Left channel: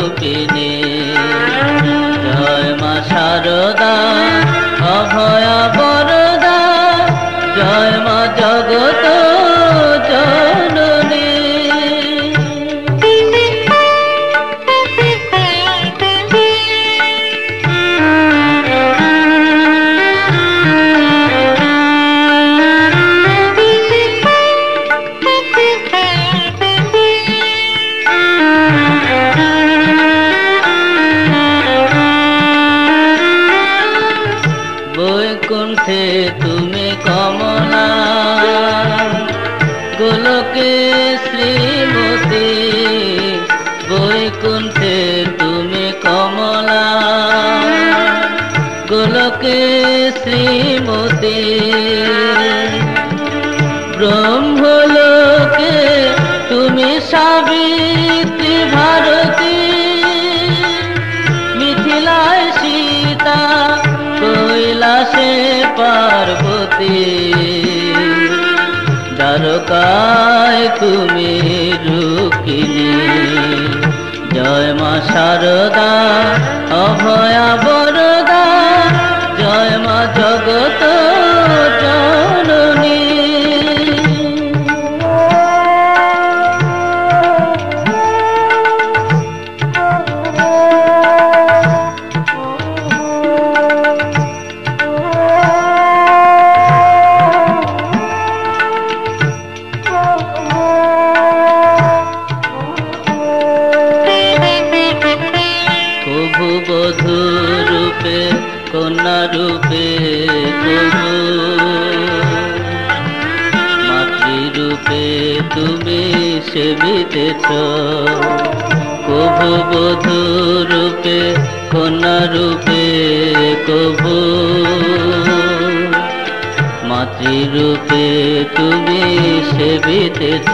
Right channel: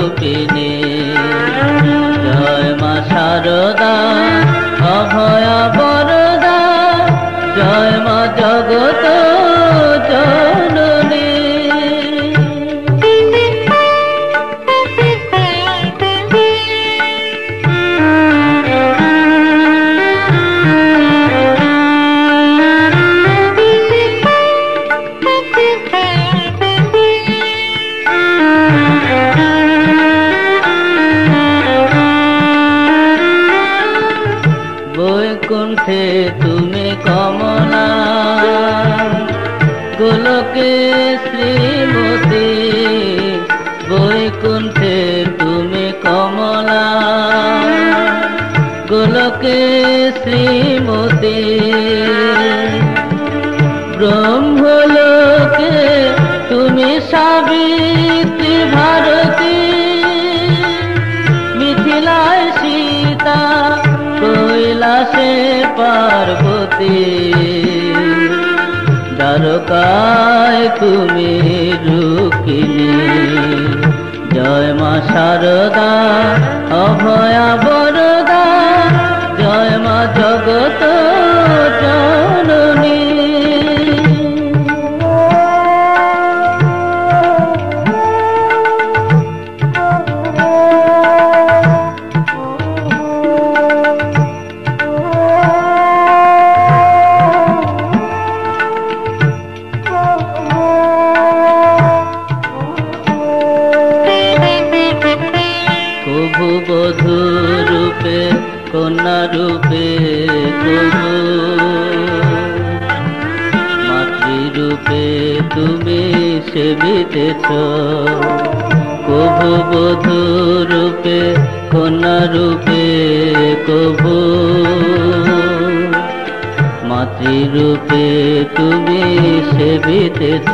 রূপিণী। জয় মা শারদা অভয়া বরদা, জয় মা জগত জননী। বৈকুণ্ঠে তুমি কমলা, গোলকে শ্রীমতী। বৈকুণ্ঠে তুমি কমলা, গোলকে শ্রীমতী। ব্রহ্মলোকে তুমি সাবিত্রী ভারতী। মিথিলায় সীতা, কৈলাসে পার্বতী। দ্বারকায় তুমি রুক্মিণী। জয় মা শারদা অভয়া বরদা, জয় মা জগত জননী। বধূ রূপে কন্যা রূপে প্রভু, মাতৃরূপে তুমি সেবিতেছ। প্রভু বধূ রূপে কন্যা রূপে প্রভু, মাতৃরূপে তুমি সেবিতেছ।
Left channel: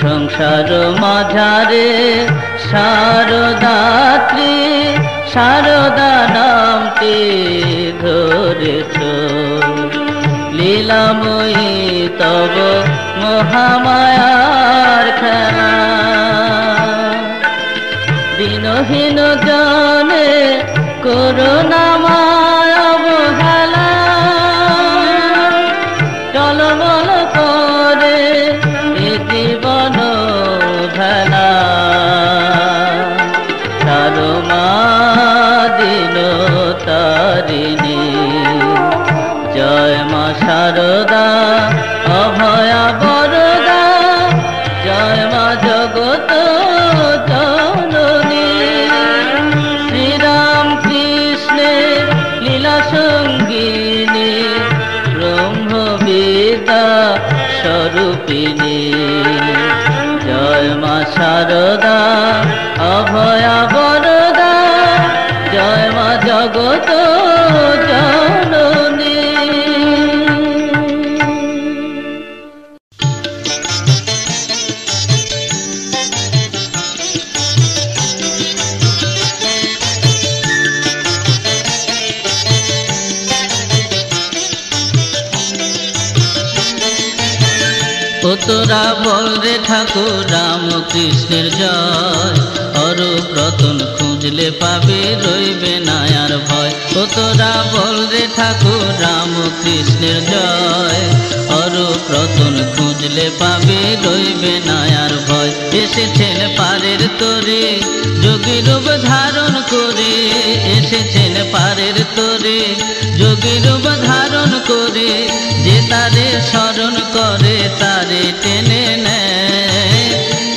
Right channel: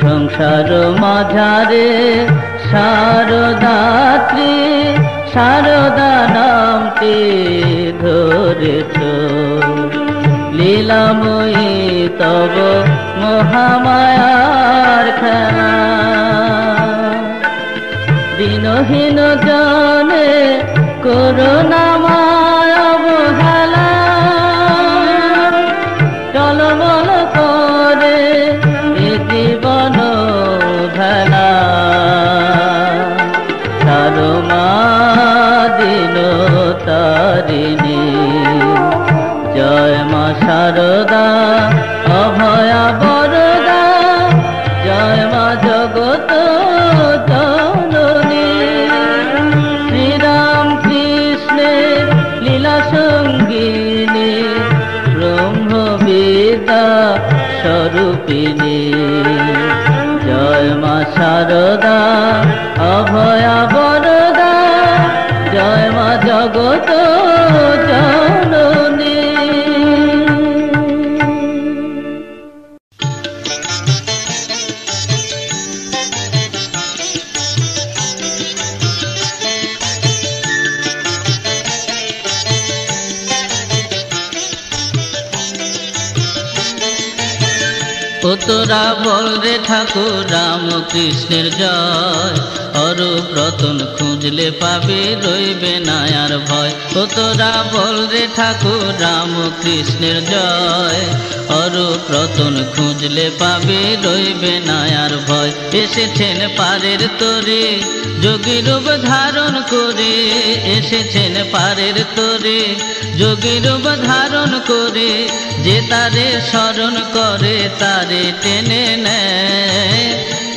সংসার মাঝারে শারদাত্রী, শারদা নামটি ধরেছ। লীলাময়ী তব মহামায়ার খেলা, দিনহীন জনে করুণা মায় অবহেলা। টলমল করে এ জীবন ভেলা, মা দিন তারিণী। জয় মা শারদা অভয়া বরদা, জয় মা জগত জননী। শ্রীরাম কৃষ্ণের লীলা সঙ্গিনী, ব্রহ্মবিদ্যা স্বরূপিণী। জয় মা শারদা অভয়া বরদা, জয় মা জগত জননী। ও তোরা বল রে ঠাকুর রাম কৃষ্ণের জয়, অরূপ রতন খুঁজলে পাবি রইবে না আর ভয়। ও তোরা বল রে ঠাকুর রাম কৃষ্ণের জয়, অরূপ রতন খুঁজলে পাবি রইবে না আর ভয়। এসেছেন পারের তরি যোগী রূপ ধারণ করে, এসেছেন পারের তরি যোগী রূপ ধারণ করে। যে তারে স্মরণ করে তারে টেনে নেয়,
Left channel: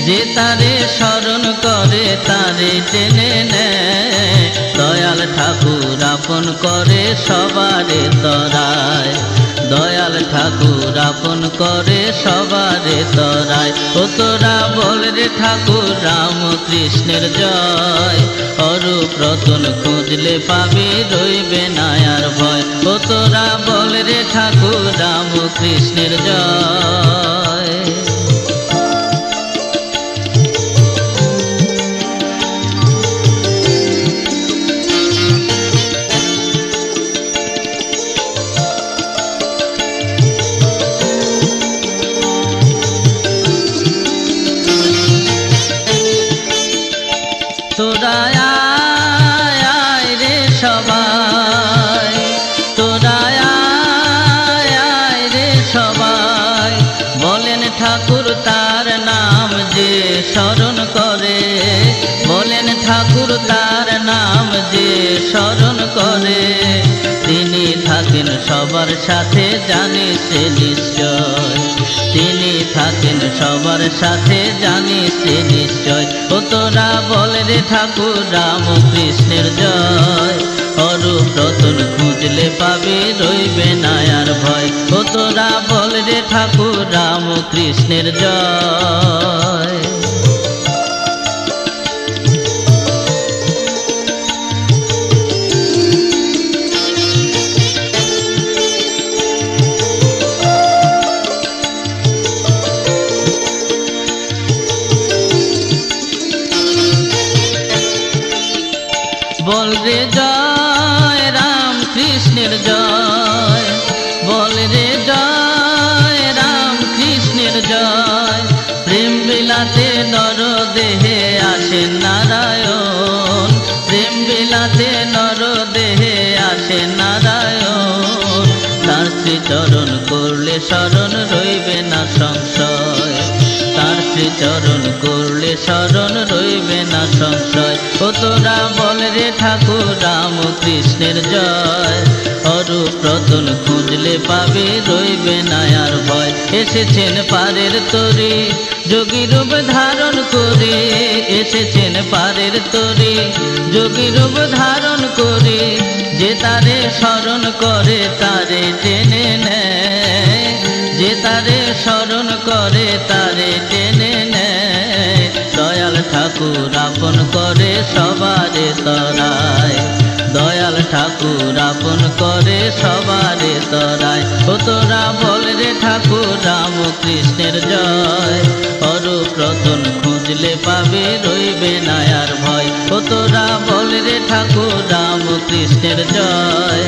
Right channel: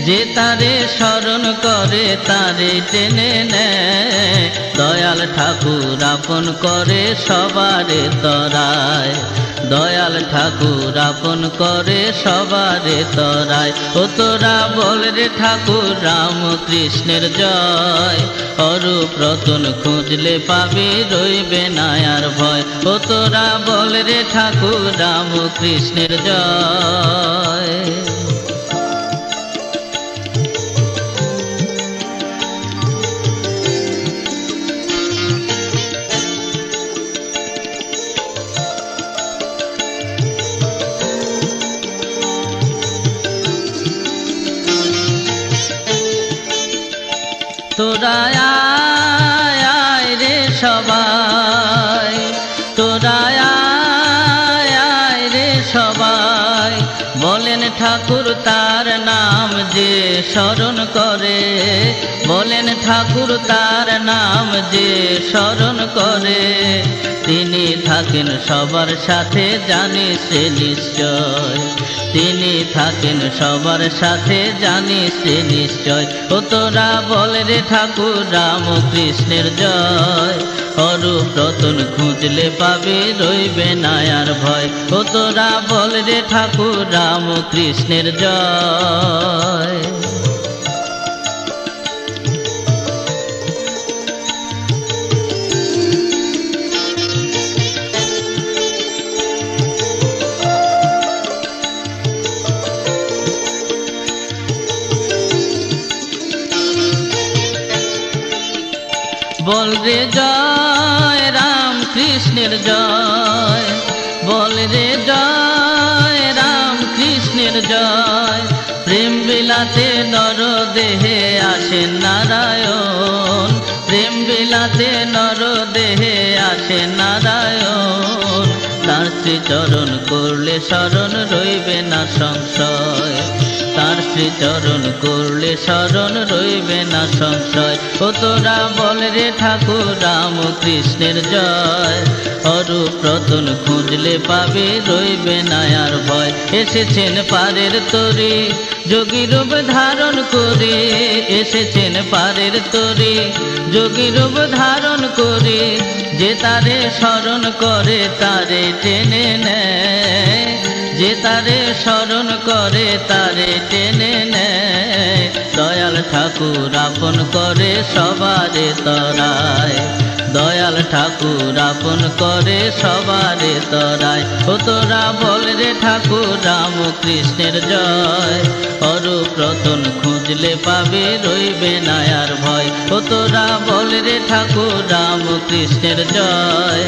যে তারে স্মরণ করে তারে টেনে নেয়। দয়াল ঠাকুর আপন করে সবারে তরায়, দয়াল ঠাকুর আপন করে সবারে তরায়। ও তোরা বল রে ঠাকুর রাম কৃষ্ণের জয়, অরূপ রতন খুঁজলে পাবে রইবে না আর ভয়। ও তোরা বল রে ঠাকুর রাম কৃষ্ণের জয়। তোরা আয় আয় রে সবাই, তোরা আয় আয় রে সবাই, বলেন ঠাকুর তার নাম যে স্মরণ করে, বলেন ঠাকুর তার নাম যে স্মরণ করে, তিনি থাকেন সবার সাথে জানিস নিশ্চয়, তিনি থাকেন সবার সাথে জানিস নিশ্চয়। ও তোরা বল রে ঠাকুর রামকৃষ্ণের জয়, অরূপ রতন খুঁজলে পাবে রইবে না আর ভয়। ও তোরা বল রে ঠাকুর রামকৃষ্ণের জয়। বল রে জয় রাম কৃষ্ণের জয়, বল রে জয় রাম কৃষ্ণের জয়, প্রেম বিলাতে নর দেহে আসেন নারায়ণ, প্রেম বিলাতে নর দেহে আসেন নারায়ণ, তার শ্রীচরণ করলে শরণ রইবে না সংশয়, তার শ্রীচরণ করলে শরণ রইবে না সংশয়। ও তোরা বল রে ঠাকুর রামকৃষ্ণের জয়, অরূপ রতন খুঁজলে পাবে রইবে না আর ভয়। এসেছেন পারের তরি যোগী রূপ ধারণ করে, এসেছেন পারের তরি যোগী রূপ ধারণ করে, যে তারে স্মরণ করে তারে টেনে নেয়, যে তারে স্মরণ করে তারে টেনে নেয়, দয়াল ঠাকুর আপন করে সবারে তরায়, দয়াল ঠাকুর আপন করে সবারে তরায়। ও তোরা বল রে ঠাকুর রামকৃষ্ণের জয়, অরূপ রতন খুঁজলে পাবে রইবে না আর ভয়। ও তোরা বল রে ঠাকুর রামকৃষ্ণের জয়,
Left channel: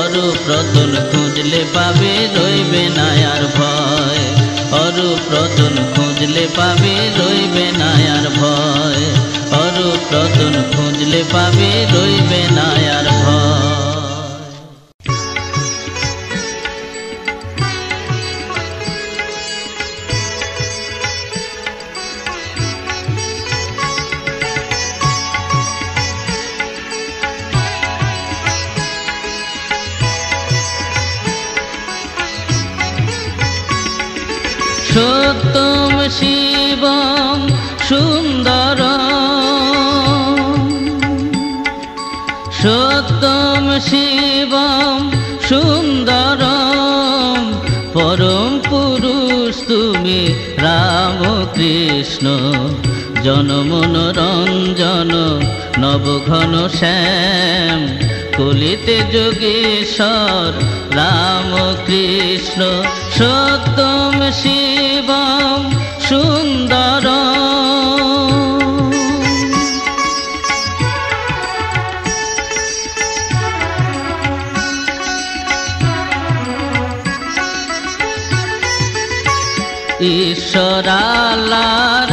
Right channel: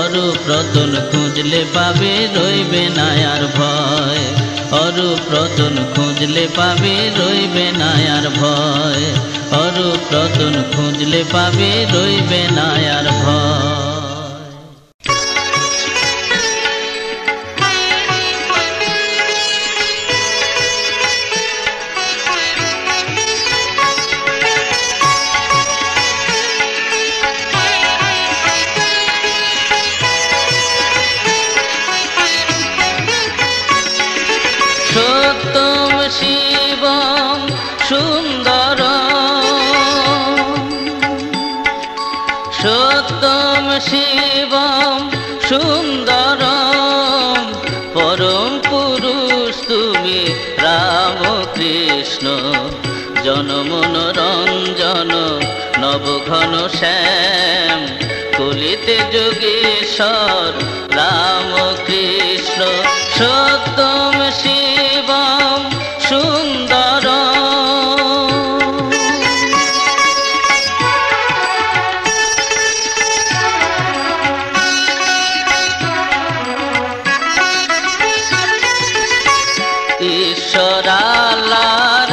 অরূপ রতন খুঁজলে পাবে রইবে না আর ভয়, অরূপ রতন খুঁজলে পাবে রইবে না আর ভয়, অরূপ রতন খুঁজলে পাবে রইবে না আর ভয়। সত্যম শিবম সুন্দরম, সত্যম শিবম সুন্দরম, পরম পুরুষ তুমি রামকৃষ্ণ, জনমনোরঞ্জন নবঘন শ্যাম, কলিতে যোগেশ্বর রামকৃষ্ণ, সত্যম শিবম সুন্দরম। ঈশ্বর আল্লাহর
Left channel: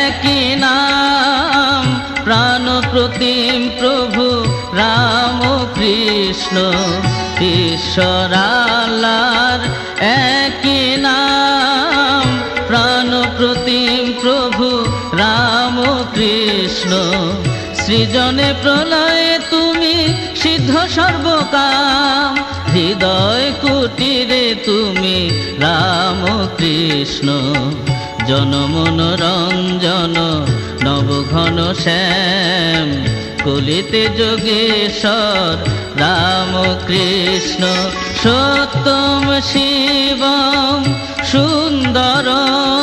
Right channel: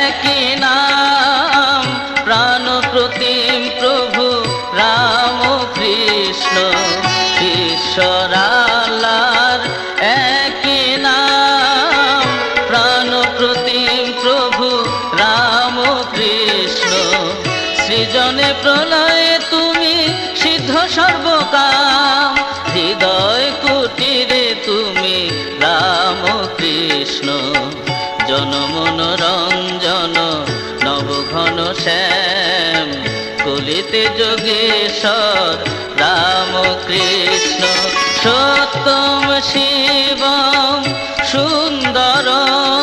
একই নাম, প্রাণ প্রতিম প্রভু রামকৃষ্ণ, ঈশ্বর আল্লাহর একই নাম, প্রাণ প্রতিম প্রভু রামকৃষ্ণ, সৃজনে প্রলয়ে তুমি সিদ্ধ সর্বকাম, হৃদয় কুটিরে তুমি রামকৃষ্ণ, জনমনোরঞ্জন নবঘন শ্যাম, কলিতে যোগেশ্বর রামকৃষ্ণ, সত্যম শিবম সুন্দরম।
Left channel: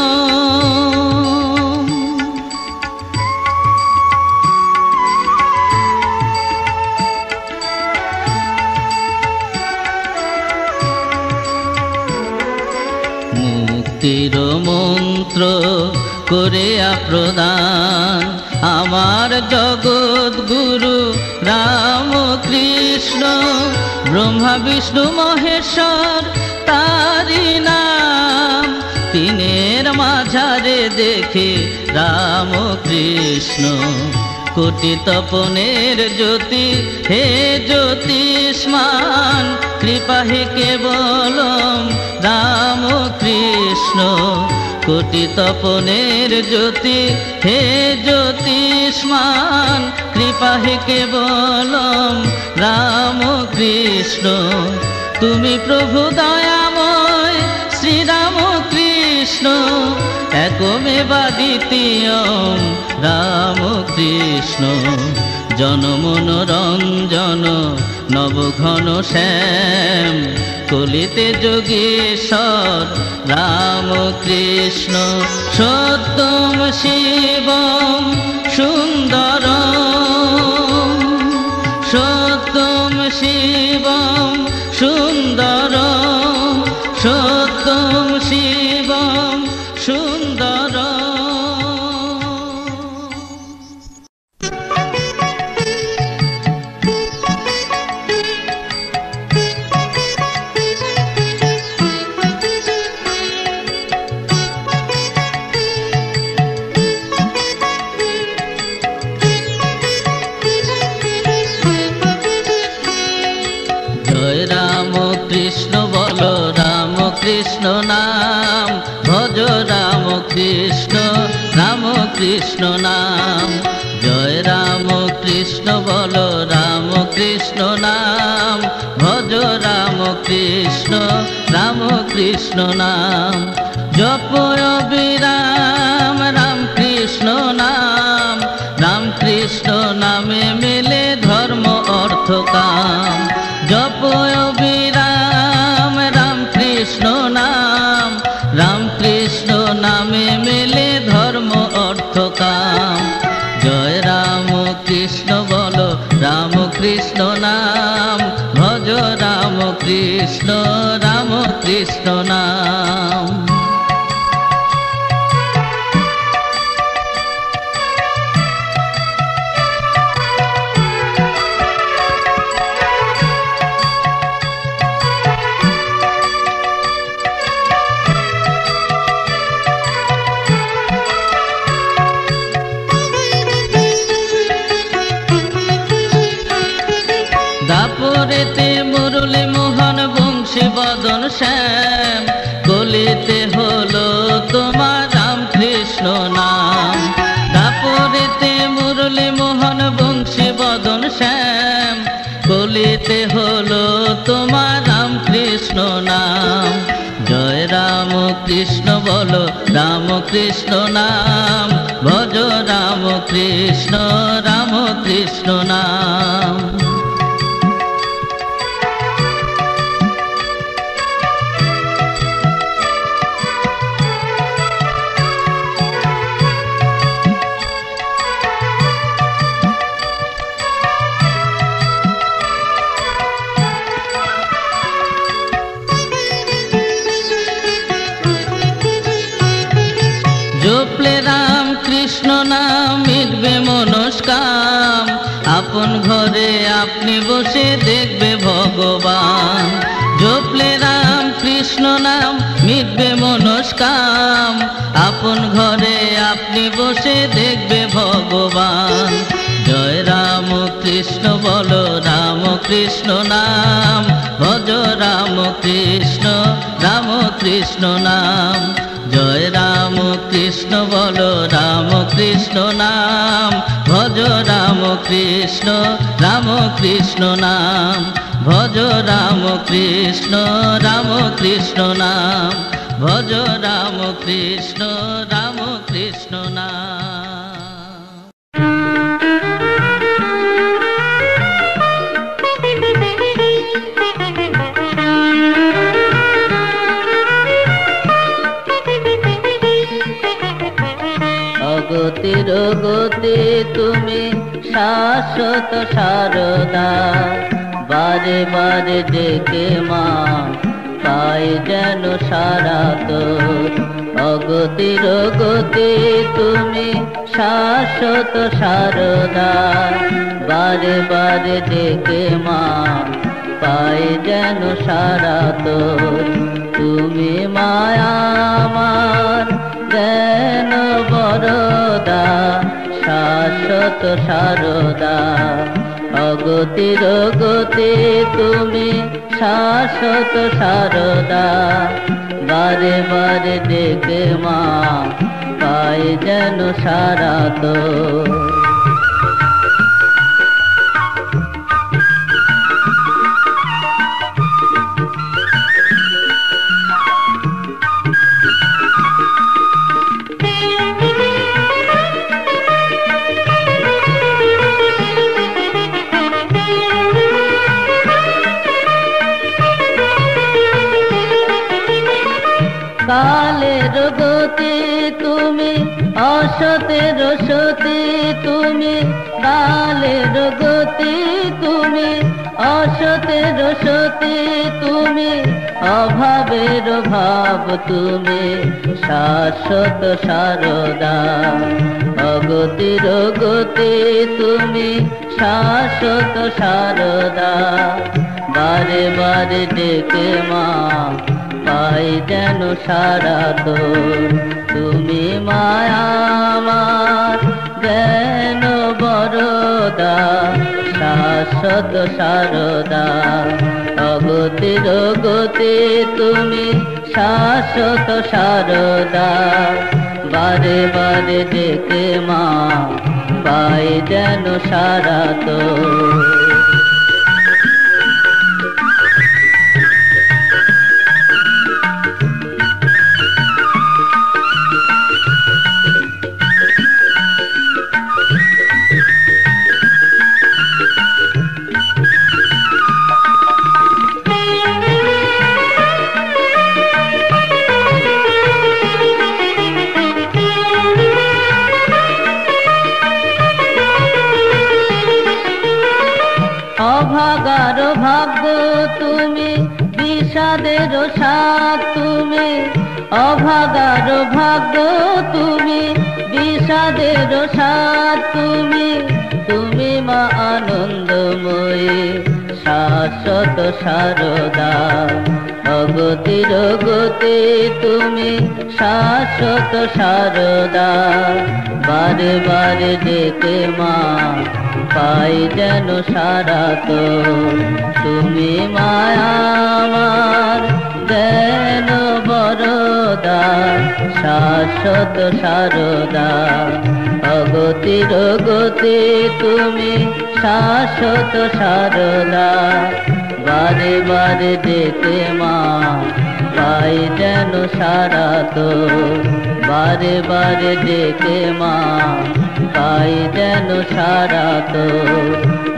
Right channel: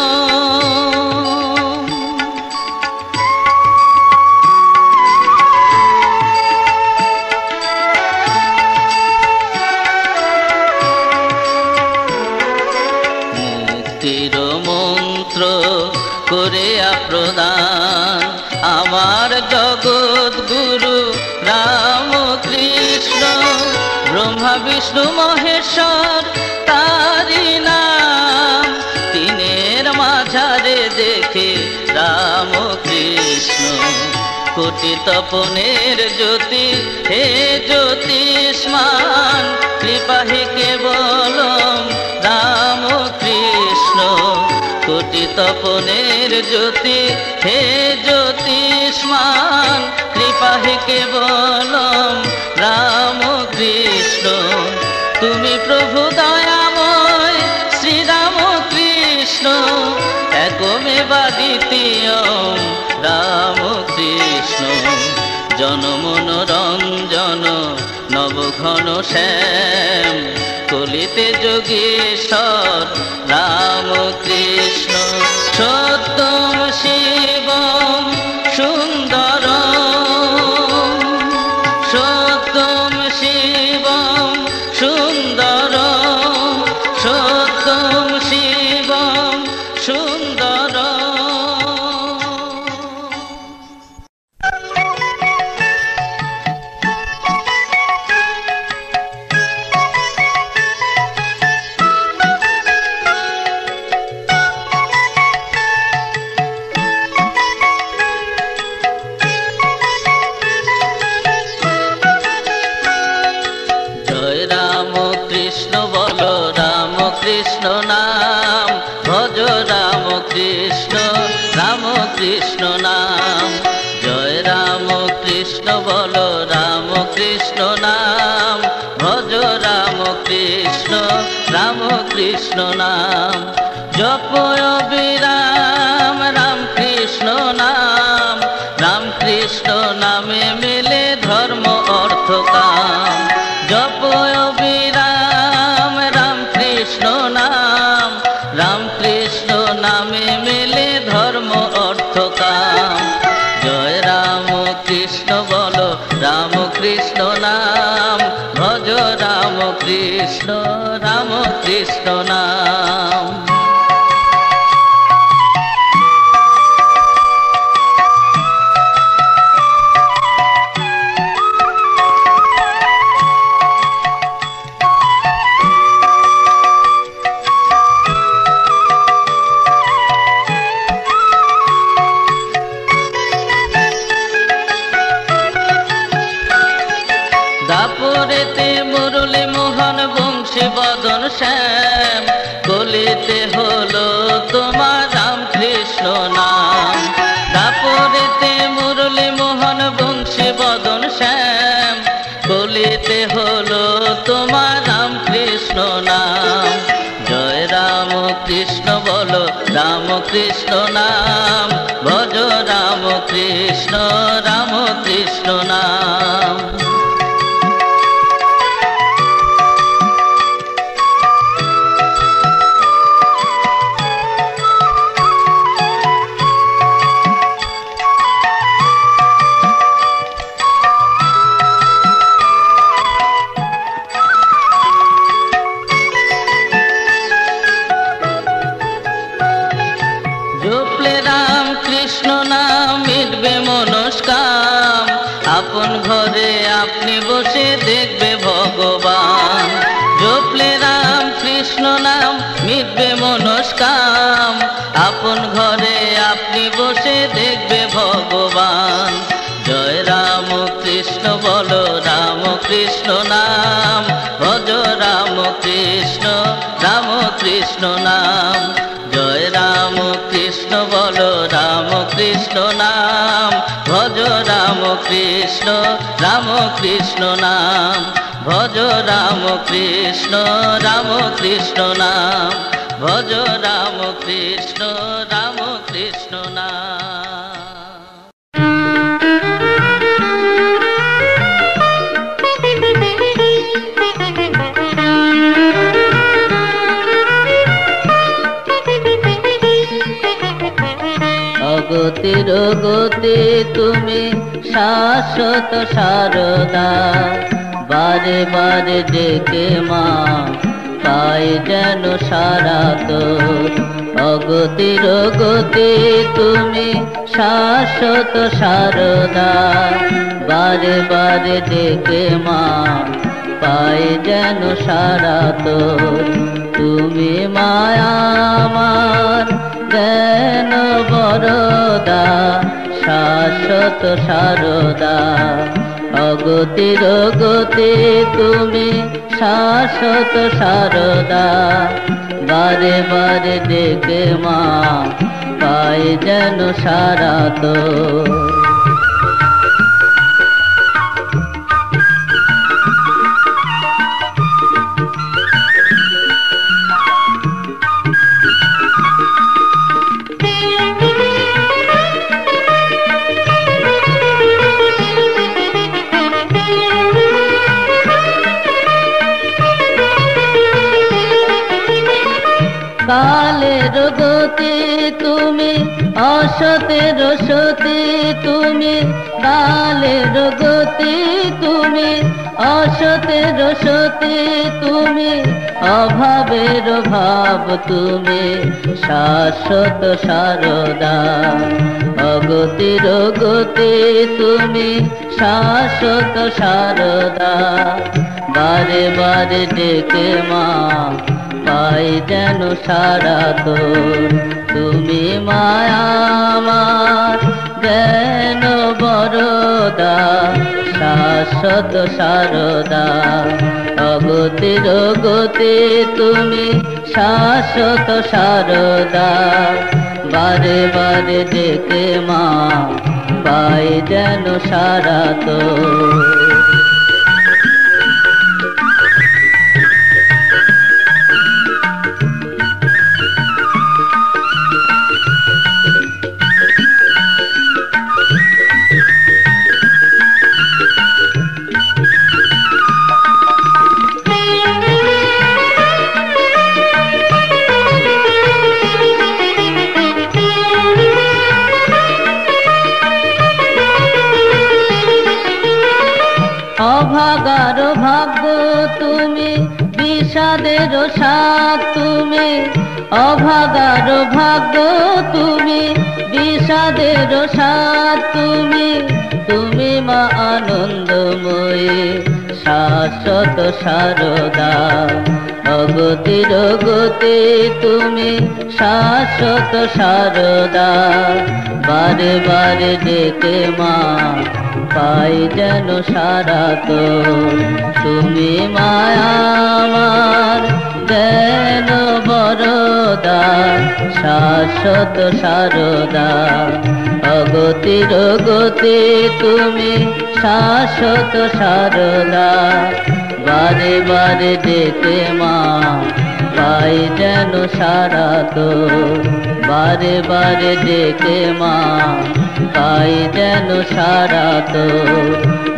মুক্তির মন্ত্র করে প্রদান আমার জগৎ গুরু রামকৃষ্ণ, ব্রহ্মা বিষ্ণু মহেশ্বর তারি নাম, তিনের মাঝারে দেখে রামকৃষ্ণ, কোটি তপনের জ্যোতি হে জ্যোতিষ্মান, কৃপা হে কেবলম রাম কৃষ্ণ। কোটি তপনের জ্যোতি হে জ্যোতিষ্মান, কৃপা হে কেবলম রাম কৃষ্ণ। তুমি প্রভু দয়াময় শ্রীরাম কৃষ্ণ, একমেবা দ্বিতীয়ম রাম কৃষ্ণ। জনমনোরঞ্জন নবঘন শ্যাম, কলিতে যোগীশ্বর রাম কৃষ্ণ। সত্যম শিবম সুন্দরম, সত্যম শিবম সুন্দরম, সত্যম শিবম সুন্দরম। কৃষ্ণ নাম ভজ রাম কৃষ্ণ, রাম কৃষ্ণ নাম। জয় রাম কৃষ্ণ বলো রাম কৃষ্ণ নাম, ভজ রাম কৃষ্ণ, রাম কৃষ্ণ নাম। জপ অবিরাম রাম কৃষ্ণ নাম, রাম কৃষ্ণ নামে মেলে ধর্ম অর্থ কাম। জপ অবিরাম রাম কৃষ্ণ নাম, রাম কৃষ্ণ নামে মেলে ধর্ম অর্থ কাম। জয় রাম কৃষ্ণ বলো রাম কৃষ্ণ নাম, ভজ রাম কৃষ্ণ, রাম কৃষ্ণ নাম। দাপরেতে মুরলী মোহন বংশী বদন শ্যাম, কলিতে হলো তোমার রাম কৃষ্ণ নাম। দাপরেতে মুরলী মোহন বংশী বদন শ্যাম, কলিতে হলো তোমার রাম কৃষ্ণ নাম। জয় রাম কৃষ্ণ বলো রাম কৃষ্ণ নাম, ভজ রাম কৃষ্ণ, রাম কৃষ্ণ নাম। জপলে রাম কৃষ্ণ নাম মিটবে মনস্কাম, আপন ঘরে আপনি বসে দেখবে ভগবান। জপলে রাম কৃষ্ণ নাম মিটবে মনস্কাম, আপন ঘরে আপনি বসে দেখবে ভগবান। জয় রাম কৃষ্ণ বলো রাম কৃষ্ণ নাম, ভজ রাম কৃষ্ণ, রাম কৃষ্ণ নাম। জয় রাম কৃষ্ণ বলো রাম কৃষ্ণ নাম, ভজ রাম কৃষ্ণ, রাম কৃষ্ণ নাম। ভজ রাম কৃষ্ণ, রাম কৃষ্ণ নাম, ভজ রাম কৃষ্ণ, রাম কৃষ্ণ নাম। অগতির গতি তুমি শাশ্বত সারদা, বারে বারে ডেকে মা পাই যেন সারা তোর। অগতির গতি তুমি শাশ্বত সারদা, বারে বারে ডেকে মা পাই যেন সারা তোর। তুমি মায়া আমার জ্ঞান বরদা, শাশ্বত সারদা। অগতির গতি তুমি শাশ্বত সারদা, বারে বারে ডেকে মা পাই যেন সারা তো। কালের গতি তুমি অসতের সতী তুমি, কালের গতি তুমি অসতের সতী তুমি, অভাবের ভাব তুমি শাশ্বত সারদা। অগতির গতি তুমি শাশ্বত সারদা, বারে বারে ডেকে মা পাই যেন সারা তোর। তুমি মায়া আমার জ্ঞান বরদা, শাশ্বত সারদা। অগতির গতি তুমি শাশ্বত সারদা, বারে বারে ডেকে মা পাই যেন সারা তোর। অভাগার ভাগ্য তুমি বিষাদের সাথ তুমি, অভাগার ভাগ্য তুমি বিষাদের সাথ তুমি, তুমি মা আনন্দময়ী শাশ্বত সারদা। অগতির গতি তুমি শাশ্বত সারদা, বারে বারে ডেকে মা পাই যেন সারা তো। তুমি মায়া আমার জ্ঞান বরদা, শাশ্বত সারদা। অগতির গতি তুমি শাশ্বত সারদা, বারে বারে ডেকে মা পাই যেন সারা তো। বারে বারে ডেকে মা পাই যেন সারা তো,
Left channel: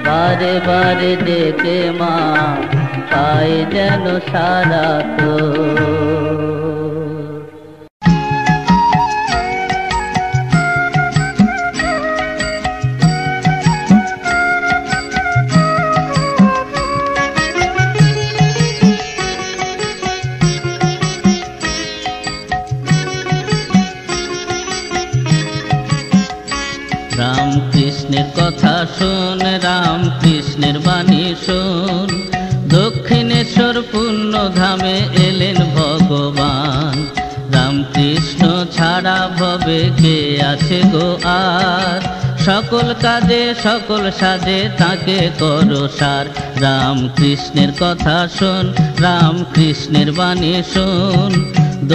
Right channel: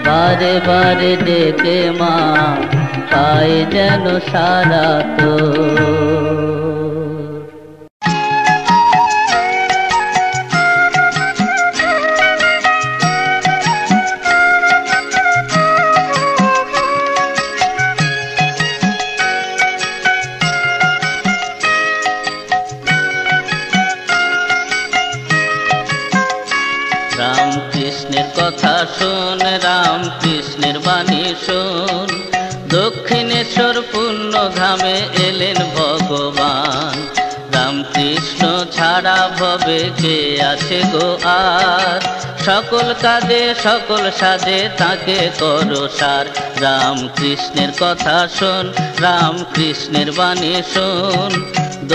বারে বারে ডেকে মা পাই যেন সারা তো। রাম কৃষ্ণের কথা শোন, রাম কৃষ্ণের বাণী শোন, দক্ষিণেশ্বর পুণ্য ধামে এলেন ভগবান। রাম কৃষ্ণ ছাড়া ভবে কে আছে গো আর, সকল কাজে সকল সাজে তাকে করো সার। রাম কৃষ্ণের কথা শোন, রাম কৃষ্ণের বাণী শোন,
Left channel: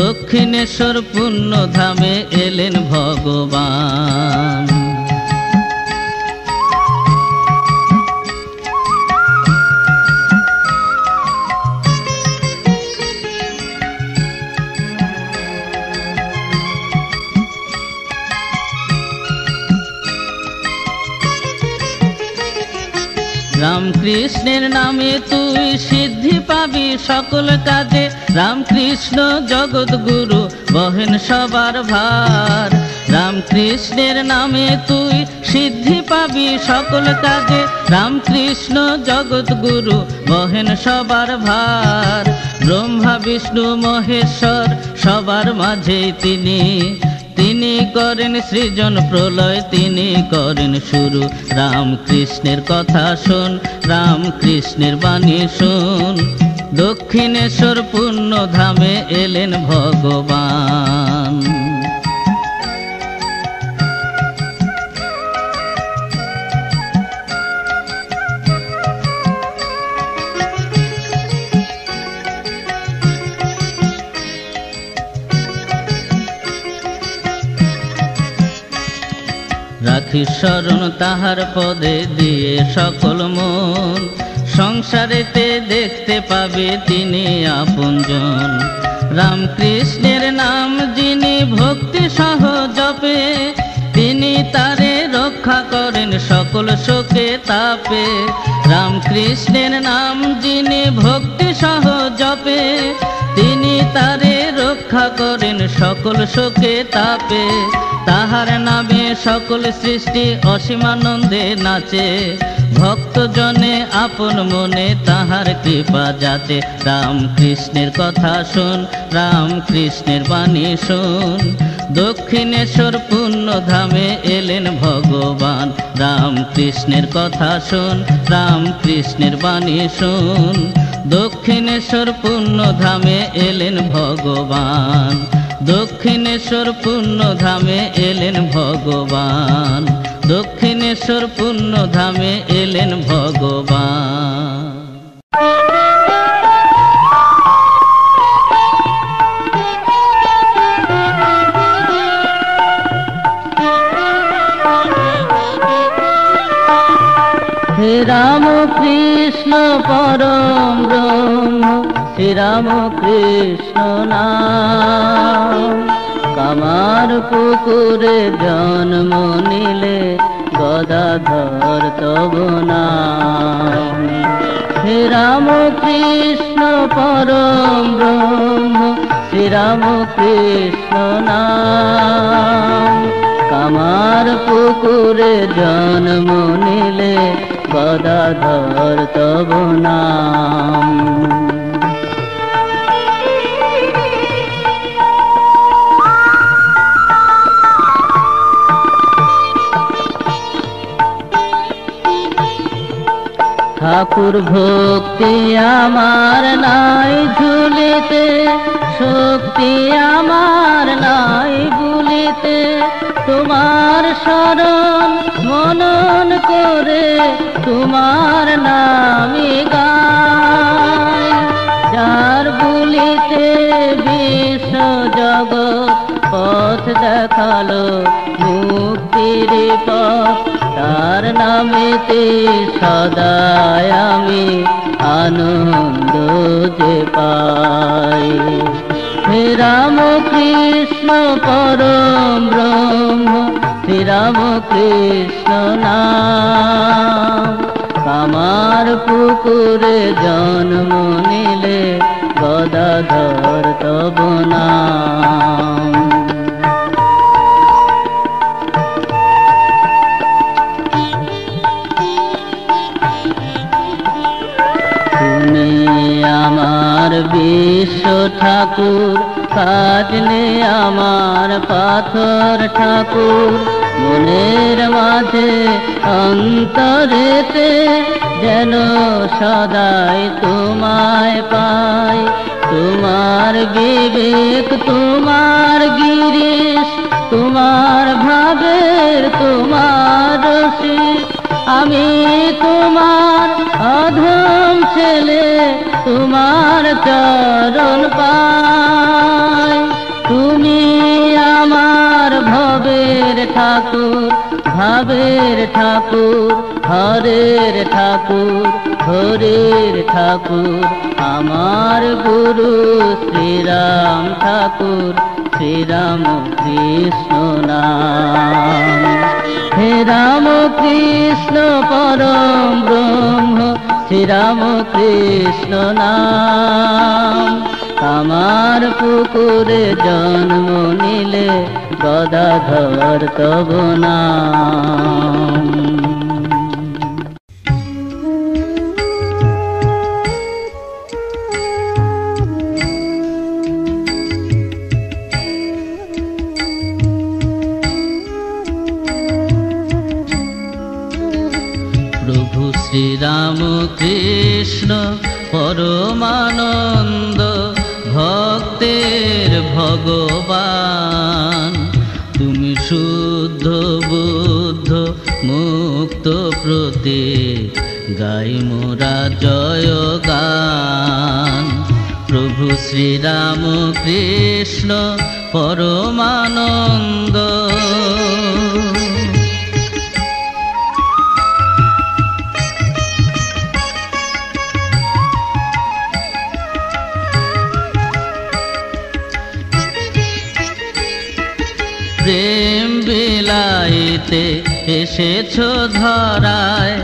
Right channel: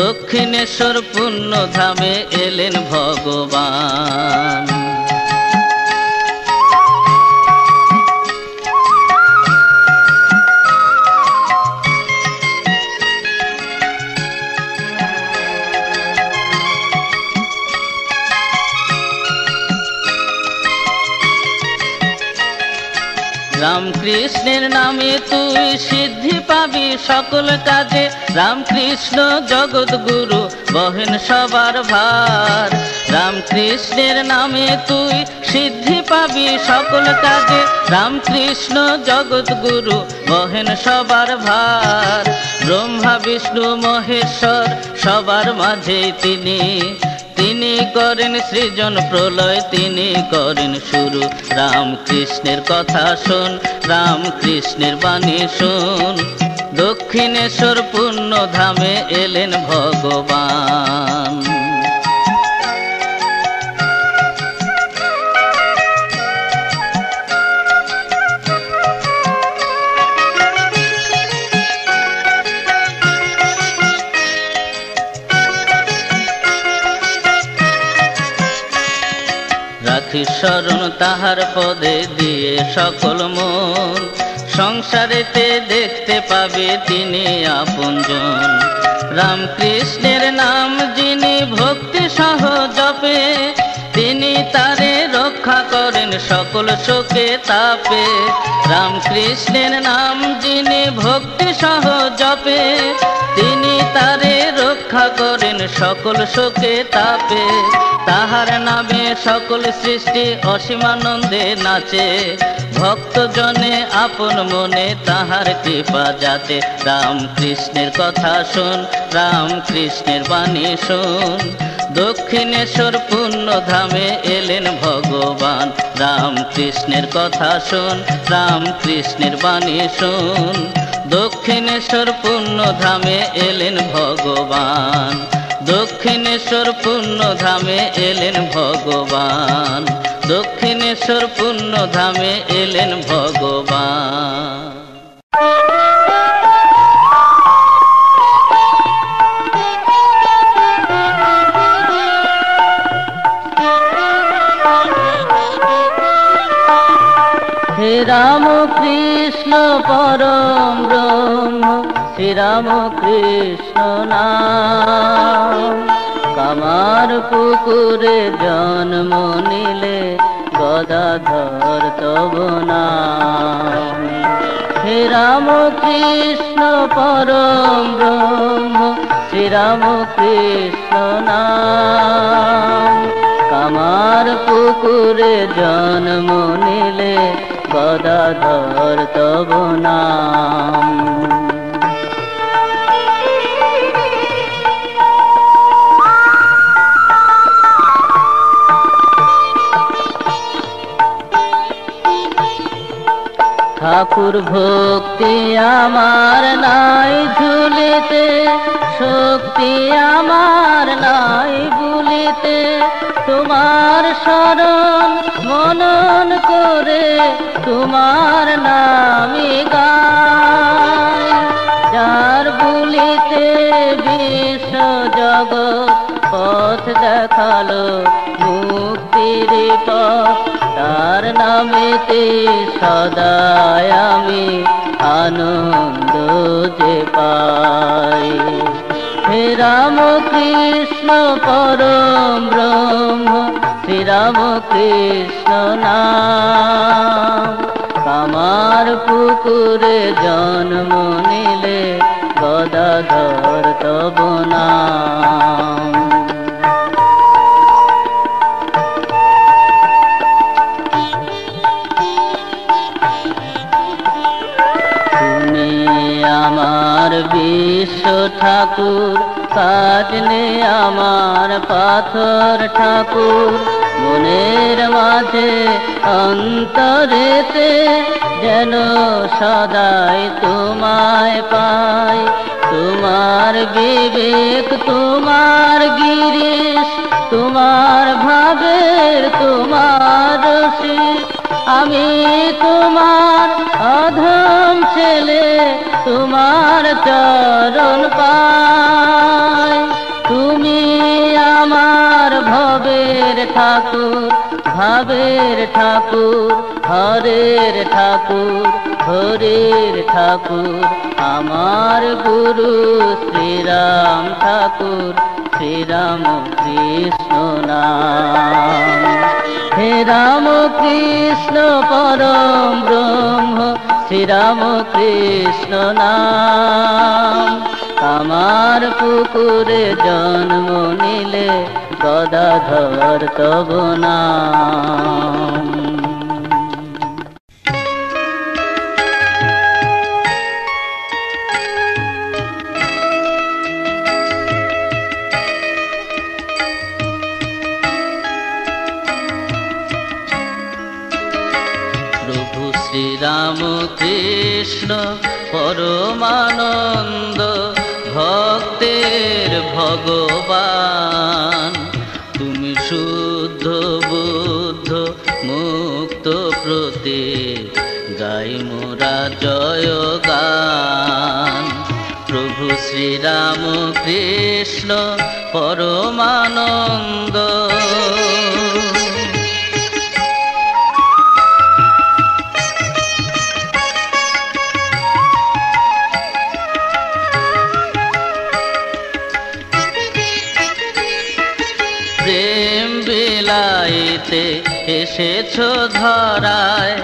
দক্ষিণেশ্বর পুণ্য ধামে এলেন ভগবান। রাম কৃষ্ণের নামে তুই সিদ্ধি পাবি সকল কাজে, রাম কৃষ্ণ জগৎ গুরু বহেন সবার ভার। রাম কৃষ্ণের নামে তুই সিদ্ধি পাবি সকল কাজে, রাম কৃষ্ণ জগৎ গুরু বহেন সবার ভার। ব্রহ্মা বিষ্ণু মহেশ্বর সবার মাঝে তিনি, তিনি করেন সৃজন প্রলয়, তিনি করেন শুরু। রাম কৃষ্ণের কথা শোন, রাম কৃষ্ণের বাণী শোন, দক্ষিণেশ্বর পুণ্য ধামে এলেন ভগবান। রাখি স্মরণ তাহার পদে দিয়ে সকল মন, সংসারেতে দেখতে পাবে তিনি আপনজন। রামকৃষ্ণের নাম যিনি ভক্তি সহ জপে, তিনি তারে রক্ষা করেন সকল শোকে তাপে। রামকৃষ্ণের নাম যিনি ভক্তি সহ জপে, তিনি তারে রক্ষা করেন সকল শোকে তাপে। তাহার নামে সকল সৃষ্টি অসীমানন্দে নাচে, ভক্তজনে আপন মনে তাহার কৃপা যাতে। রামকৃষ্ণের কথা শোন, রামকৃষ্ণের বাণী শোন, দক্ষিণেশ্বর পুণ্যধামে এলেন ভগবান। রামকৃষ্ণের কথা শোন, রামকৃষ্ণের বাণী শোন, দক্ষিণেশ্বর পুণ্যধামে এলেন ভগবান। দক্ষিণেশ্বর পুণ্যধামে এলেন ভগবান, দক্ষিণেশ্বর পুণ্যধামে এলেন ভগবান। হে রাম কৃষ্ণ পরম ব্রহ্ম, শ্রী রাম কৃষ্ণ নাম। কামার পুকুরে জন্ম নিলে গদাধর তব নাম। হে রাম কৃষ্ণ পরম ব্রহ্ম, শ্রী রাম কৃষ্ণ নাম। কামার পুকুরে জন্ম নিলে গদাধর তব নাম। ঠাকুর ভক্তি আমার নাই ঝুলিতে, শক্তি আমার নাই ভুলিতে। তোমার শরণ মনন করে তোমার নামে গাই। যার বুলিতে বিশ্ব জগৎ পথ দেখালো মুক্তির পথ, তার নামেতে সদাই আমি আনন্দ যে পাই। হে রাম কৃষ্ণ পরম ব্রহ্ম, শ্রী রাম কৃষ্ণ নাম। কামার পুকুরে জন্ম নিলে গদাধর তব নাম। আমার বিশ্ব ঠাকুর, কাটলে আমার পাথর ঠাকুর। মনের মাঝে অন্তরেতে যেন সদাই তোমায় পাই। তোমার বিবেক, তোমার গিরিশ, তোমার ভাবের, তোমার রসিক। আমি তোমার অধম ছেলে, তোমার চরণ পাই। তুমি আমার ভবের ঠাকুর, ভাবের ঠাকুর, হরের ঠাকুর, হরের ঠাকুর। আমার গুরু শ্রীরাম ঠাকুর, শ্রীরাম কৃষ্ণ নাম। হে রাম কৃষ্ণ পরম ব্রহ্ম, শ্রীরাম কৃষ্ণ নাম। কামার পুকুরে জন্ম নিলে গদাধর তব নাম। প্রভু শ্রীরাম কৃষ্ণ পরমানন্দ, ভক্তের ভগবান। তুমি শুদ্ধ বুদ্ধ মুক্ত প্রতীক, গাই মোরা জয় গান। প্রভু শ্রীরাম কৃষ্ণ পরমানন্দ, বেলাইতে এসেছ ধরায়,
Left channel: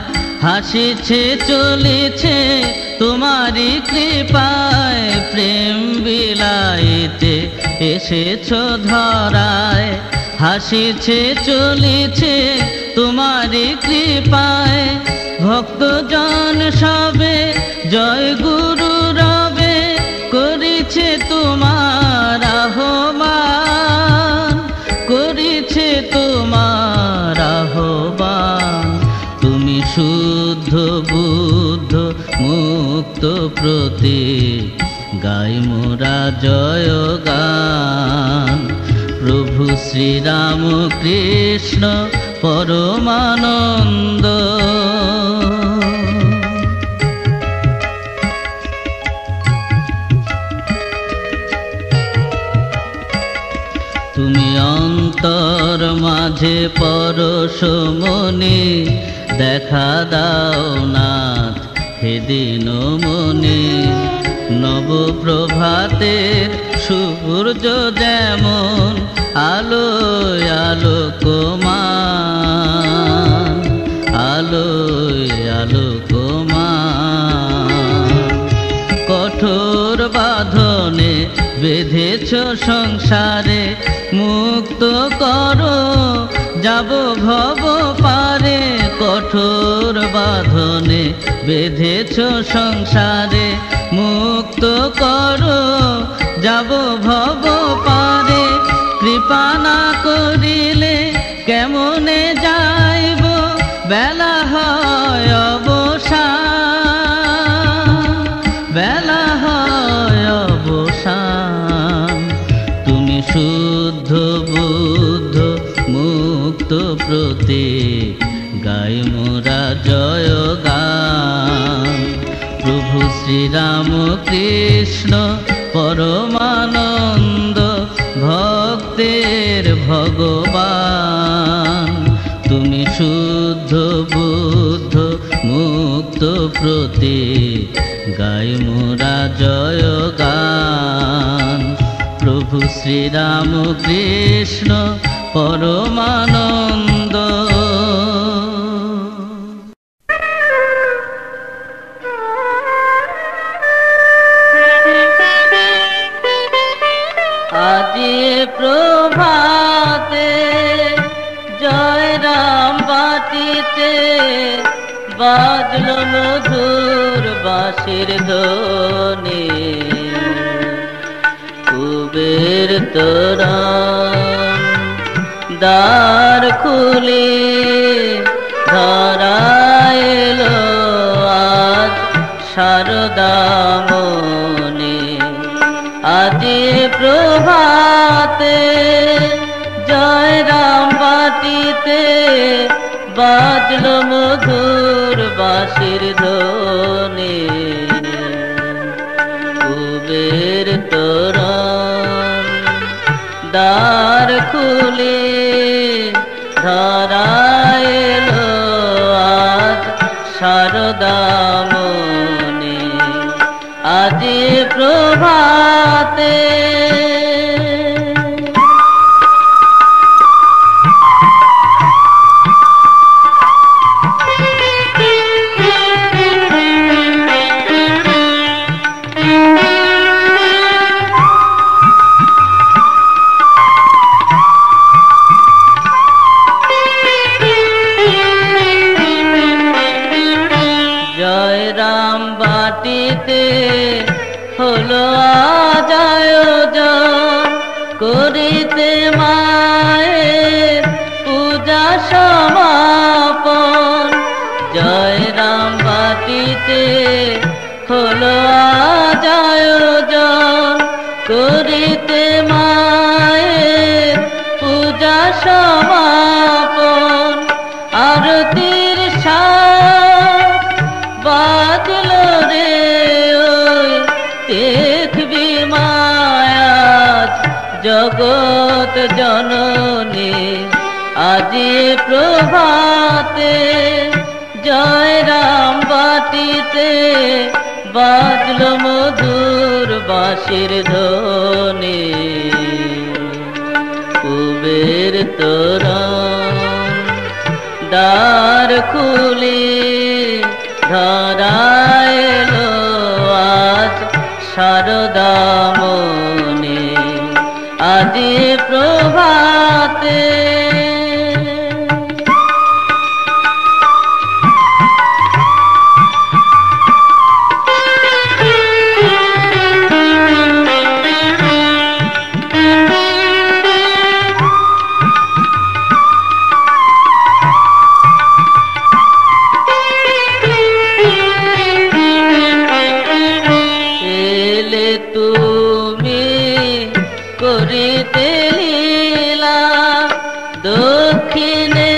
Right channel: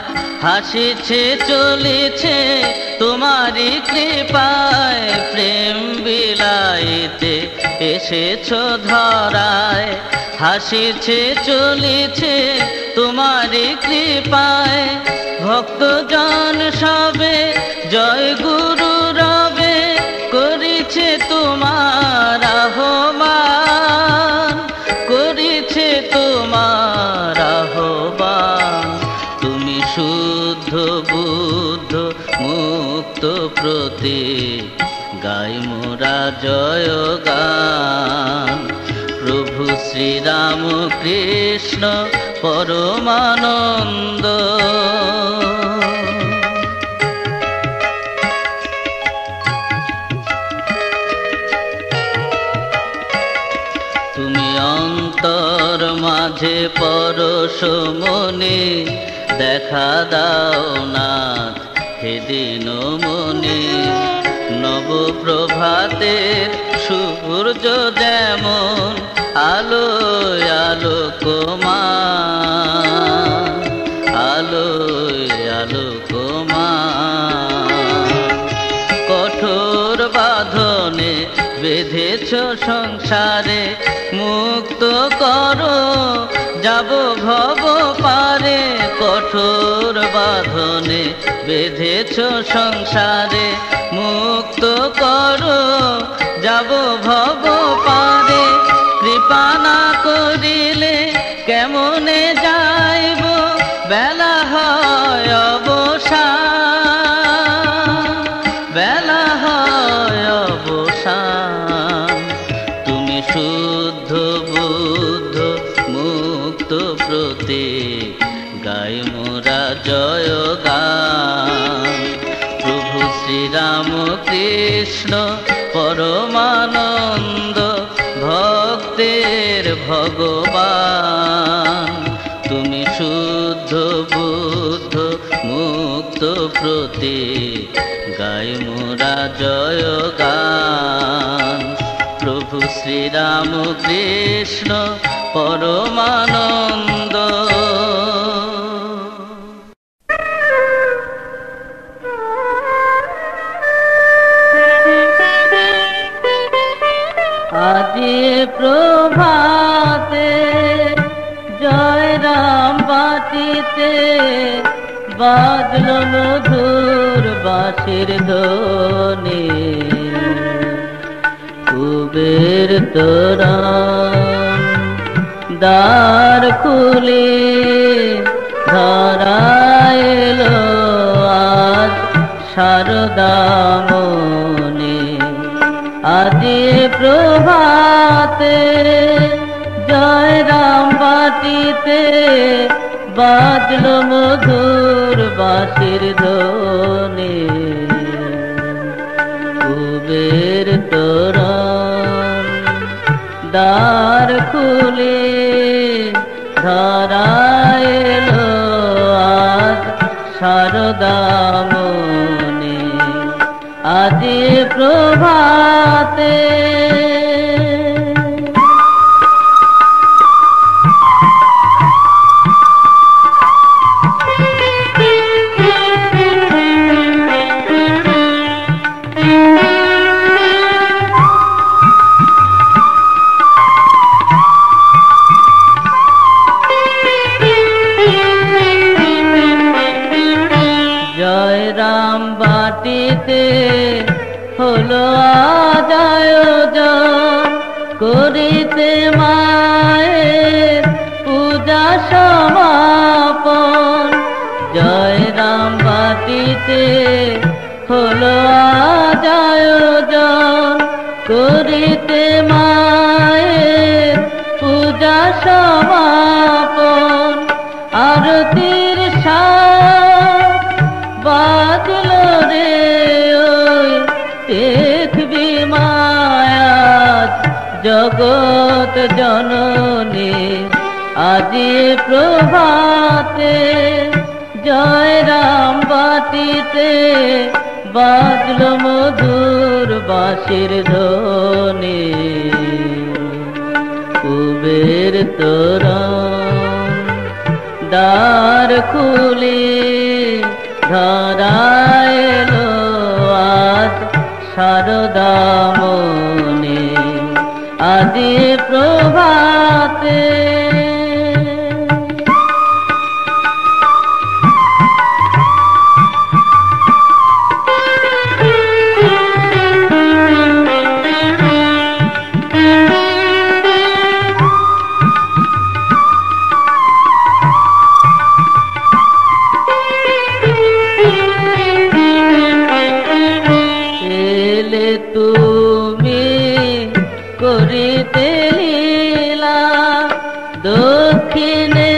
হাসিছে চলেছে তোমারই কৃপায়। প্রেম বিলাইতে এসেছ ধরায়, হাসিছে চলেছে তোমারই কৃপায়। ভক্তজন সবে জয় গুরু রবে, করিছে তোমার আহ্বান, করিছে তোমার আহ্বান। তুমি শুদ্ধ বুদ্ধ মুক্ত প্রতীক, গাই মোরা জয় গান। প্রভু শ্রীরাম কৃষ্ণ পরমানন্দ। তুমি অন্তর মাঝে পরশ মনে, দেখা দাও নাথ হে দিন মনে। নবপ্রভাতের সূর্য যেমন আলোয় আলোকমান, আলোয় আলোকমান। কঠোর বাঁধনে বেঁধেছ সংসারে, মুক্ত করো যাব ভব পারে। কঠোর বাঁধনে বেঁধেছ সংসারে, মুক্ত করো যাব ভব পারে। কৃপা না করিলে কেমনে যাইব, বেলা হয় অবসান, বেলা হয় অবসান। তুমি শুদ্ধ বুদ্ধ মুক্ত প্রতীক, গাই মোরা জয় গান। প্রভু শ্রীরাম কৃষ্ণ পরমানন্দ, ভক্তের ভগবান। তুমি শুদ্ধ বুদ্ধ মুক্ত প্রতীক, গাই মোরা জয় গান। প্রভু শ্রীরাম কৃষ্ণ পরমানন্দ। আজি প্রভাতে জয় রাম বাটিতে, বাজল মধুর বাঁশির ধ্বনি। কুবের তোরণ দ্বার খুলে ধরা এলো আজ শারদামণি। আজি প্রভাতে জয় রাম বাটিতে, বাজল মধুর বাঁশির ধ্বনি। কুবের তোরণ দ্বার খুলে ধরা এলো আজ শারদামণি। আজি প্রভাতে জয় রাম বাটিতে হলো আজ আয়োজন, করিতে মায়ের পূজা সমাপন। জয় রাম বাটিতে হলো আজ আয়োজন, করিতে মায়ের পূজা সমাপন। আরতির বাজল রে ওই দেখবি মায়াজ জগৎ জননী। আজি প্রভাতে জয় রাম বাটিতে, বাজল মধুর বাঁশির ধ্বনি। কুবের তোরণ খুলে ধরায় এলো আজ সারদা মনে আজি প্রভাতে। তুমি করিতে লীলা দক্ষিণেশ্বর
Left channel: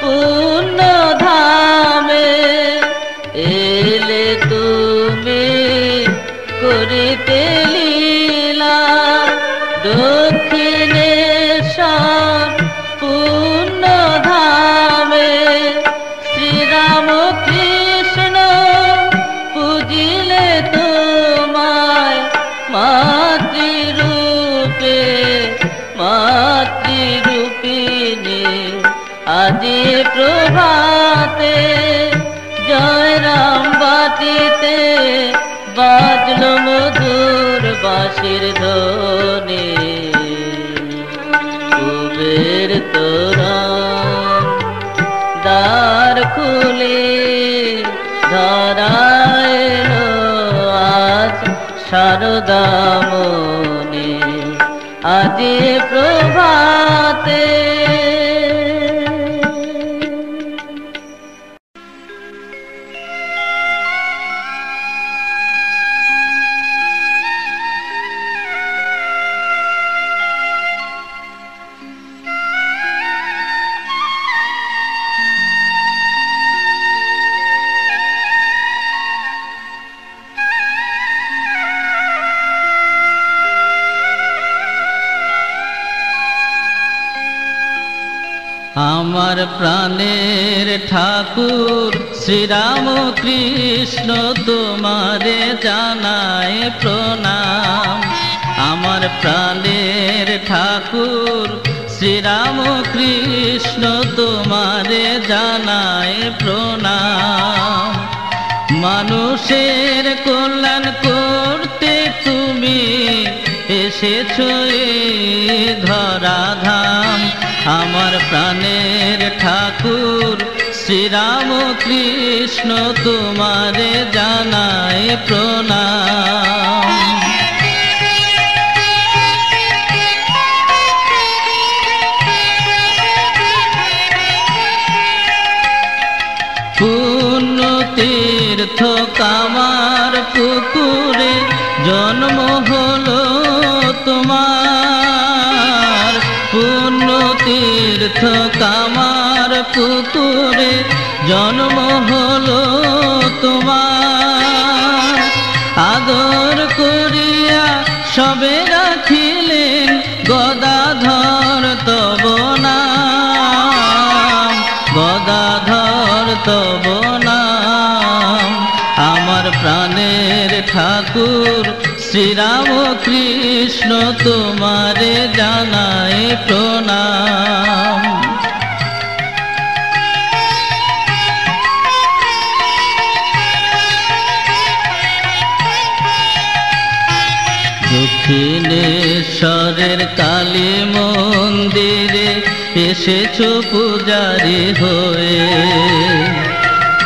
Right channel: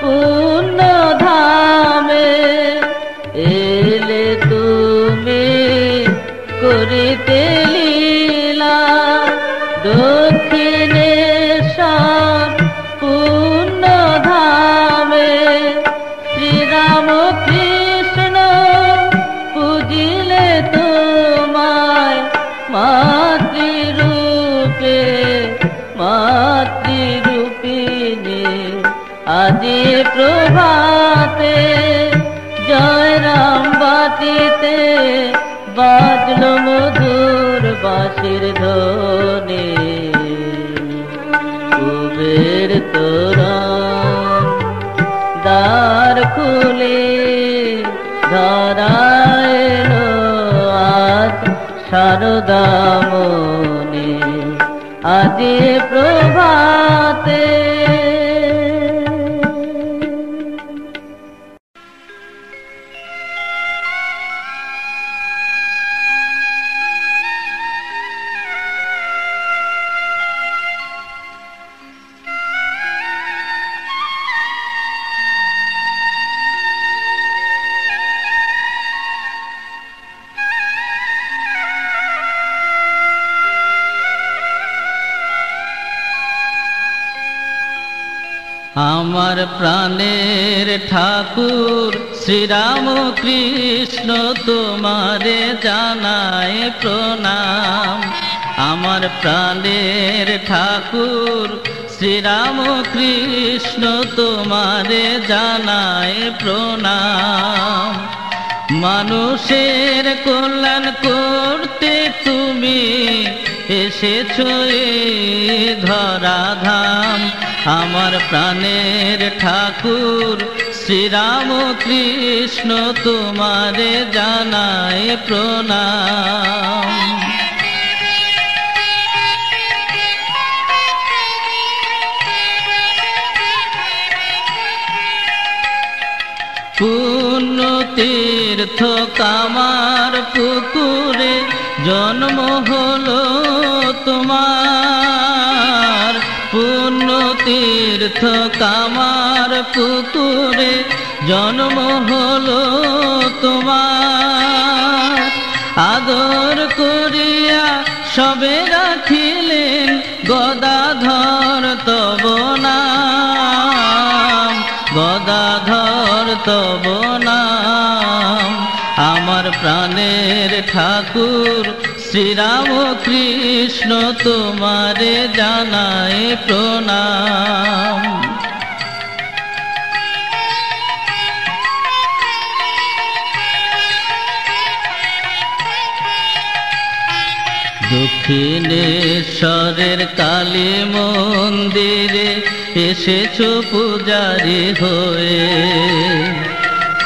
পূর্ণ ধামে, এলে তুমি করিতে লীলা দক্ষিণেশ্বর পূর্ণ ধামে। শ্রীরাম কৃষ্ণ পুজিলে তোমায় মাতৃরূপে মাতৃরূপিণী আজি প্রভাতে। জয় রাম বাটিতে বাজল মধুর বাঁশির ধ্বনি, কুবের তোরণ দ্বার খুলে ধরায় এলো আজ সারদা মনে আজি প্রভাতে। আমার প্রাণের ঠাকুর শ্রীরাম কৃষ্ণ তোমারে জানায় প্রণাম। আমার প্রাণের ঠাকুর শ্রীরাম কৃষ্ণ তোমারে জানায় প্রণাম। মানুষের কল্যাণ করতে তুমি এসেছো এই ধরাধাম। আমার প্রাণের ঠাকুর শ্রীরাম কৃষ্ণ তোমারে জানায় প্রণাম। পুণ্য তীর্থ কামার পুকুরে জন্ম হলো তোমার। পুণ্য তীর্থ কামার পুকুরে জন্ম হলো তোমার। আদর করিয়া সবে রাখিলেন গদাধর তব নাম, গদাধর তব নাম। আমার প্রাণের ঠাকুর শ্রীরাম কৃষ্ণ তোমারে জানায় প্রণাম। দক্ষিণেশ্বরের কালী মন্দিরে এসেছো পূজারি হয়ে।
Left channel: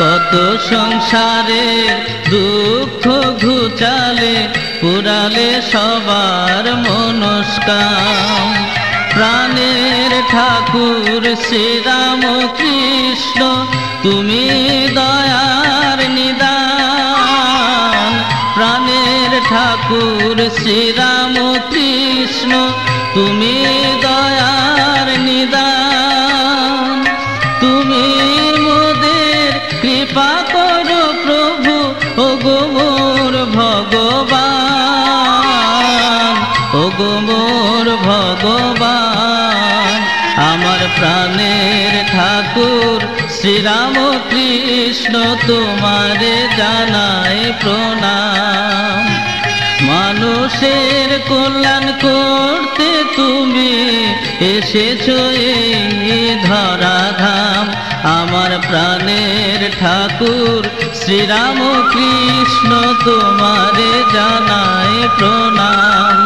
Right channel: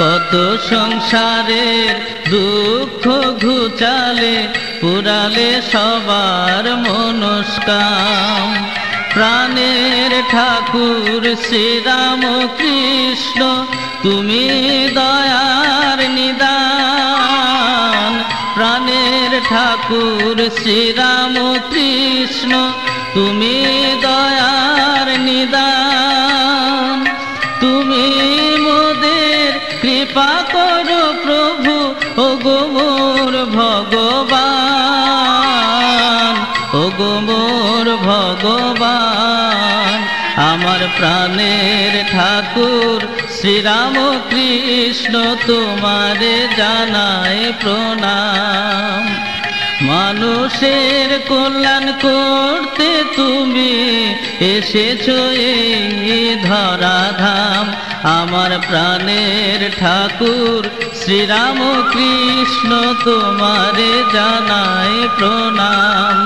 কত সংসারের দুঃখ ঘুচালে পুরালে সবার মনস্কাম। প্রাণের ঠাকুর শ্রীরাম কৃষ্ণ তুমি দয়ার নিদান। প্রাণের ঠাকুর শ্রীরাম কৃষ্ণ তুমি দয়ার নিদান। তুমি মোদের কৃপা করো প্রভু ওগো মোর ভগবান, ওগো মোর ভগবান। আমার প্রাণের ঠাকুর শ্রীরাম কৃষ্ণ তোমারে জানায় প্রণাম। মানুষের কল্যাণ করতে তুমি এসেছো এই ধরাধাম। আমার প্রাণের ঠাকুর শ্রীরাম কৃষ্ণ তোমারে জানায় প্রণাম।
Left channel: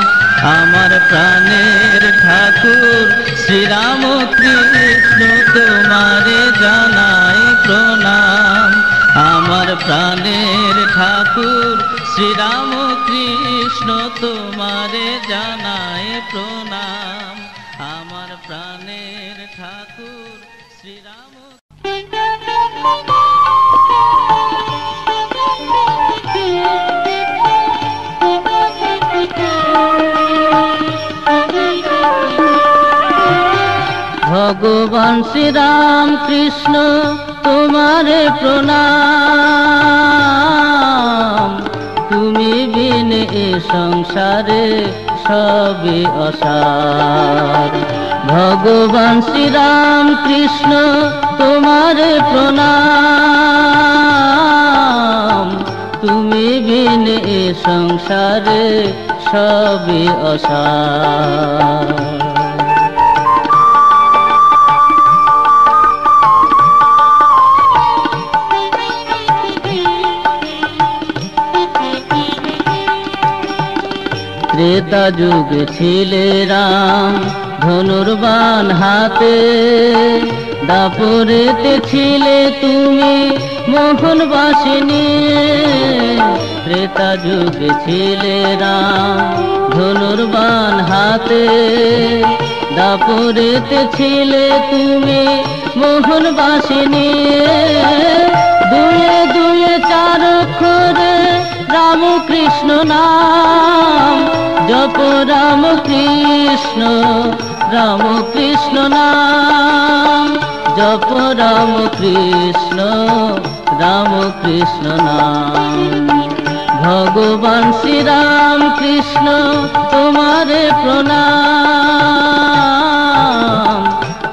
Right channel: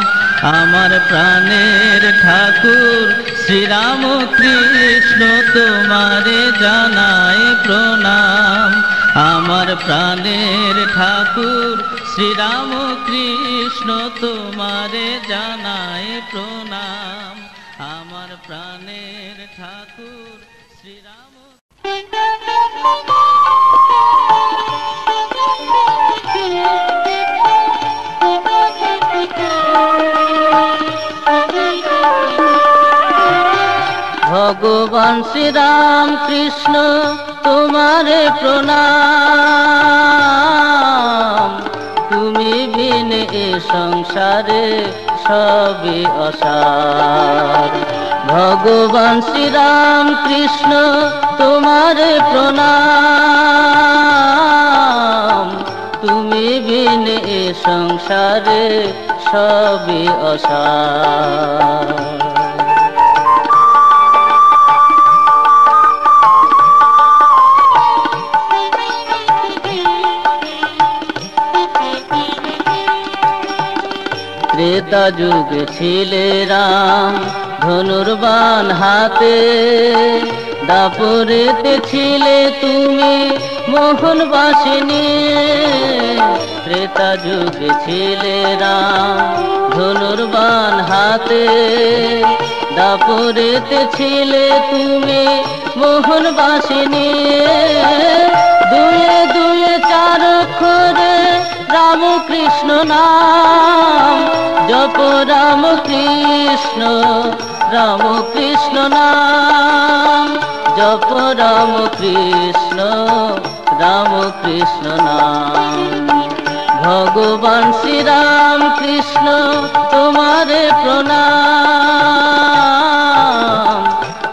আমার প্রাণের ঠাকুর শ্রীরাম কৃষ্ণ তোমারে জানায় প্রণাম। আমার প্রাণের ঠাকুর শ্রীরাম কৃষ্ণ তোমারে জানায় প্রণাম। আমার প্রাণের ঠাকুর শ্রীরাম। ভগবান শ্রীরাম কৃষ্ণ তোমারে প্রণাম। তুমি বিনে এ সংসারে সবই অসার। ভগবান শ্রীরাম কৃষ্ণ তোমারে প্রণাম। তুমি বিনে এ সংসারে সবই অসার। ত্রেতা যুগে ছিলে রাম ধনুর্বাণ হাতে, দাপরেতে ছিলে তুমি মোহনবাসিনী। ত্রেতা যুগে ছিলে রাম ধনুর্বাণ হাতে, দাপরেতে ছিলে তুমি মোহনবাসিনী। দুয়ে দুয়ে চার অক্ষরে রাম কৃষ্ণ নাম জপ, রাম কৃষ্ণ রাম কৃষ্ণ নাম জপ, রাম কৃষ্ণ রাম কৃষ্ণ নাম। ভগবান শ্রীরাম কৃষ্ণ তোমারে প্রণাম।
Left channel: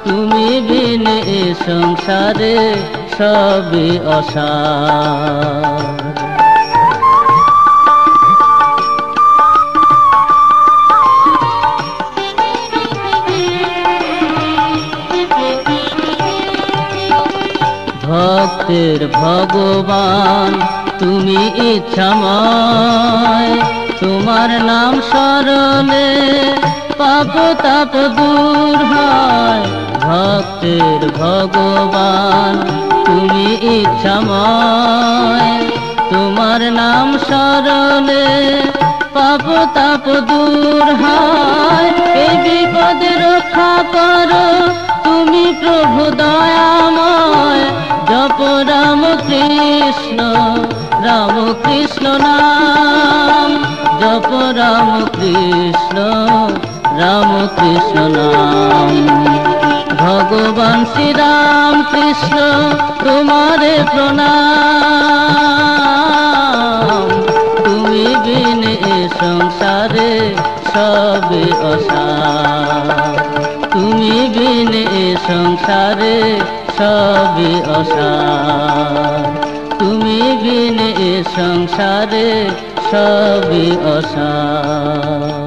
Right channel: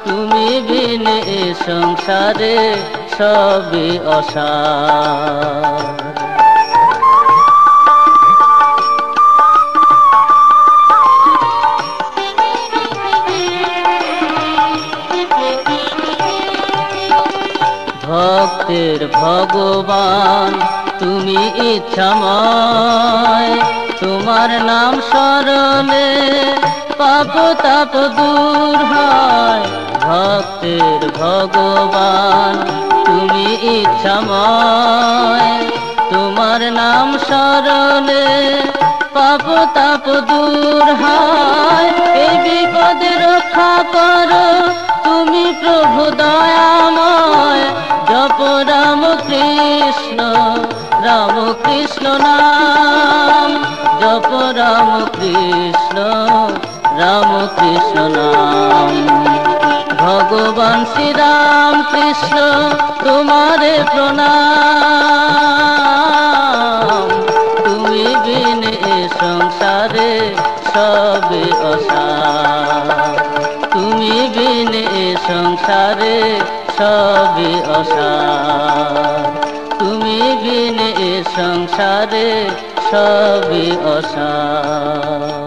তুমি বিনে এ সংসারে সবই অসার। ভক্তের ভগবান তুমি ইচ্ছাময়, তোমার নাম স্মরণে পাপ তাপ দূর হয়। ভক্তের ভগবান তুমি ইচ্ছাময়, তোমার নাম স্মরণে পাপ তাপ দূর হয়। এই বিপদে রক্ষা করো তুমি প্রভু দয়াময়। জপ রাম কৃষ্ণ রাম কৃষ্ণ নাম জপ, রাম কৃষ্ণ রাম কৃষ্ণ নাম। ভগবান শ্রীরাম কৃষ্ণ তোমারে প্রণাম। তুমি বিনে এ সংসারে সবই অসার। তুমি বিনে এ সংসারে সবই অসার। তুমি বিনে এ সংসারে সবই অসার।